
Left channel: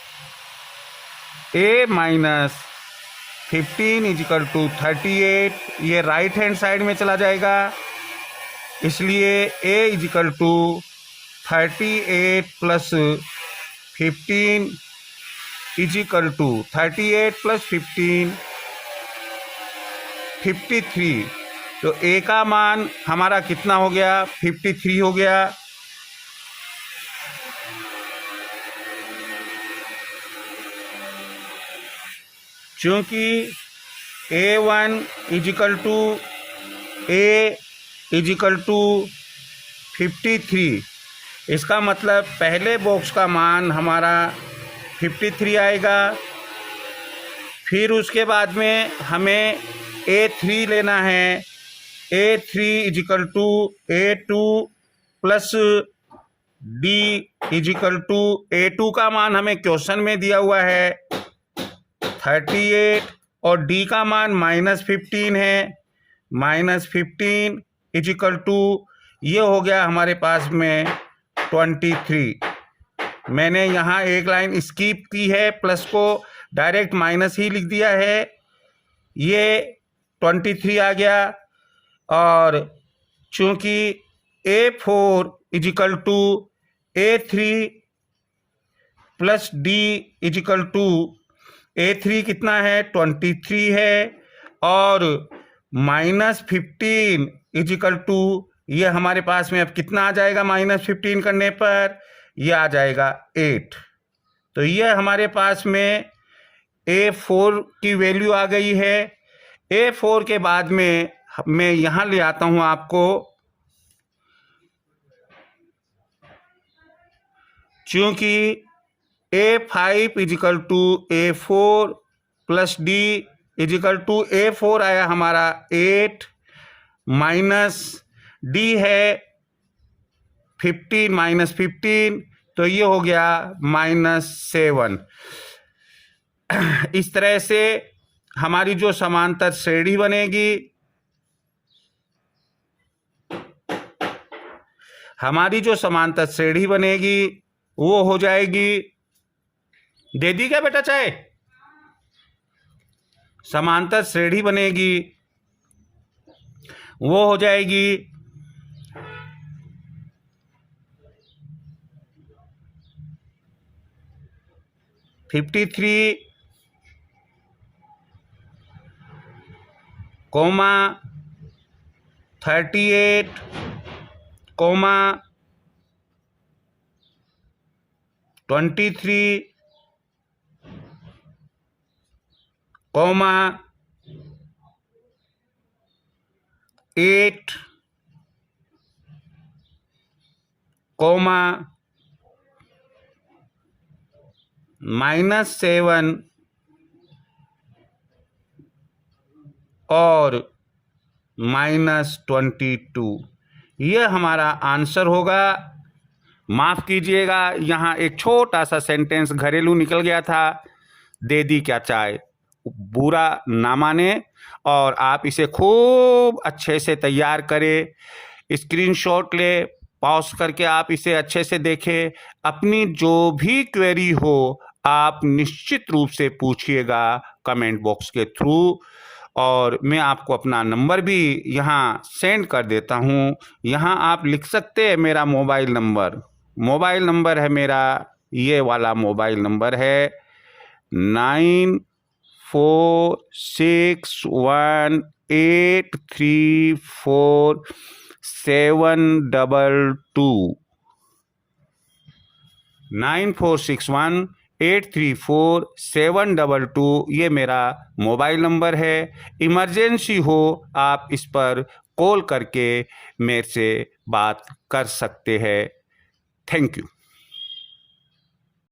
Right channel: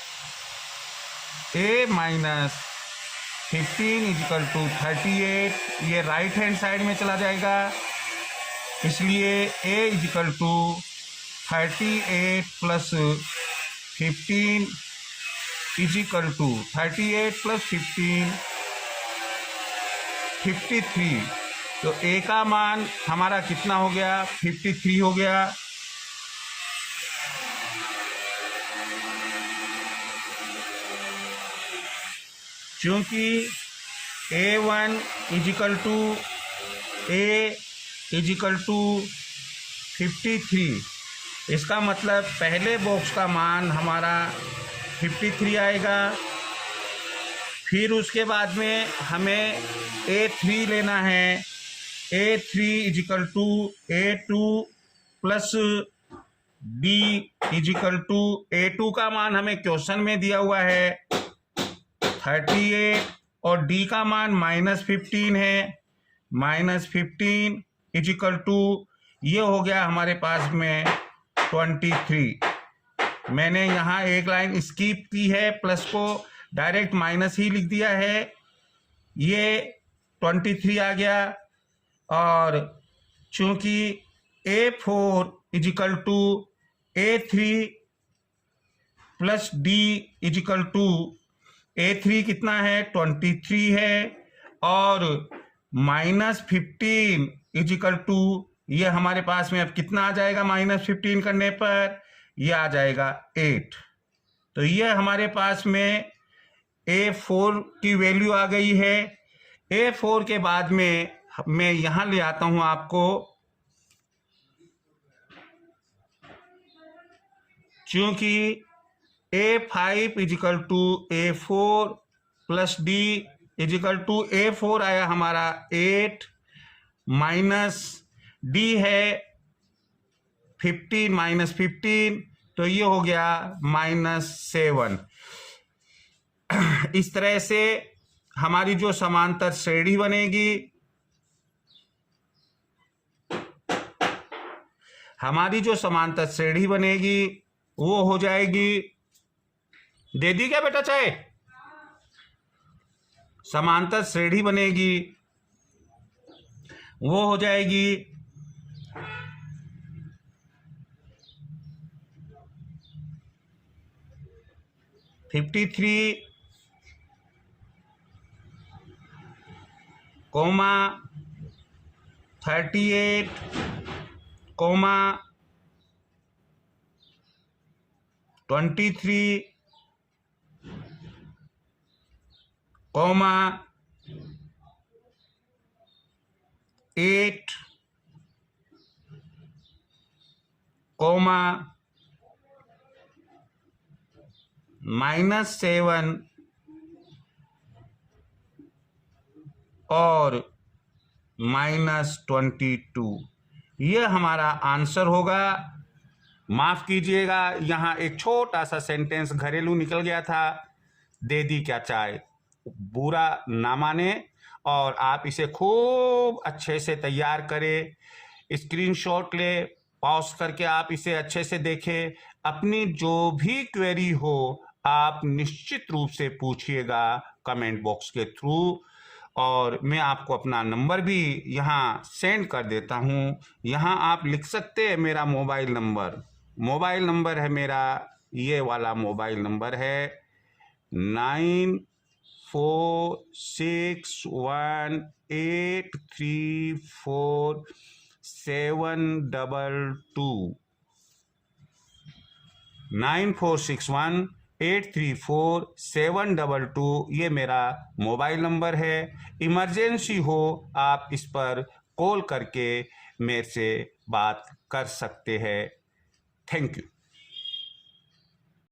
A-15 इज इक्वल टू 38, ये राइट हैंड साइड में चला जाएगा, इसलिए A is equal to 38 + 15 is equal to 38 + 15 53। तो A का मान हमारा कितना हो गया, 53 हो गया। चूंकि A1 is equal to A is equal to 53, इसका मतलब पहले बॉक्स का मान हमारा 53 आएगा। फिर उसके बाद में हमें A3 लेना है, A3 is equal to A2 plus D is equal to A2 का मान हमें क्वेश्चन में दिया हुआ है 38, और D का मान -15 है, -15 इज इक्वल टू, ये हो गया हमारे पास में 23। मैंने यहाँ एक लाइन स्किप की है, प्लस को डायरेक्ट माइनस ही लिख दिया है, ये 23 आ गया। और चूंकि A4 is equal to A3 plus D is equal to, A3 कितना है 23 है, और -15 इज इक्वल टू, ये हमारे पास में अब कितना आ जाएगा -15 करने पर, ये आ जाएगा 8। तो ये हमारे पास में A4 की वैल्यू आ गई है। A4 के बाद में मैं यहाँ ले आता हूँ आपको, चूंकि A5 is equal to A4 plus D is equal to A4 आया हमारा 8 माइनस D है 15 माइनस 15, तो ये हो गया -7। इस तरह से हमारी जो समांतर श्रेणी बनेगी, वो हो जाएगी, दे दी क्या बेटा चाय? समांतर श्रेणी बनेगी वो हो जाएगी 53, 38, 23, 8, -7 और -22। ये हमारा आंसर होगा। माफ कीजिएगा, यहाँ एक छोटा सा सेंटेंस घरेलू निकल गया था, दे दी क्या चाय, बुरा ना माने और आप इसे खूब अच्छे से तैयार करें, स्क्रीनशॉट ले, पॉज करके आप इसे अच्छे से देखें। अपनी जो भी क्वेरी हो आप निश्चित रूप से पूछिएगा कमेंट बॉक्स के थ्रू, और मैं आपको अपना नंबर भी यहाँ सेंड कर देता हूँ। यहाँ आप लिख सकते हैं मेरा मोबाइल नंबर है मेरा, ये वाला मोबाइल नंबर है 9461834722 9461834722। ये मेरा मोबाइल नंबर है। इमरजेंसी हो आप इस पर कॉल करके मेरे से बात कर सकते हैं। Thank you.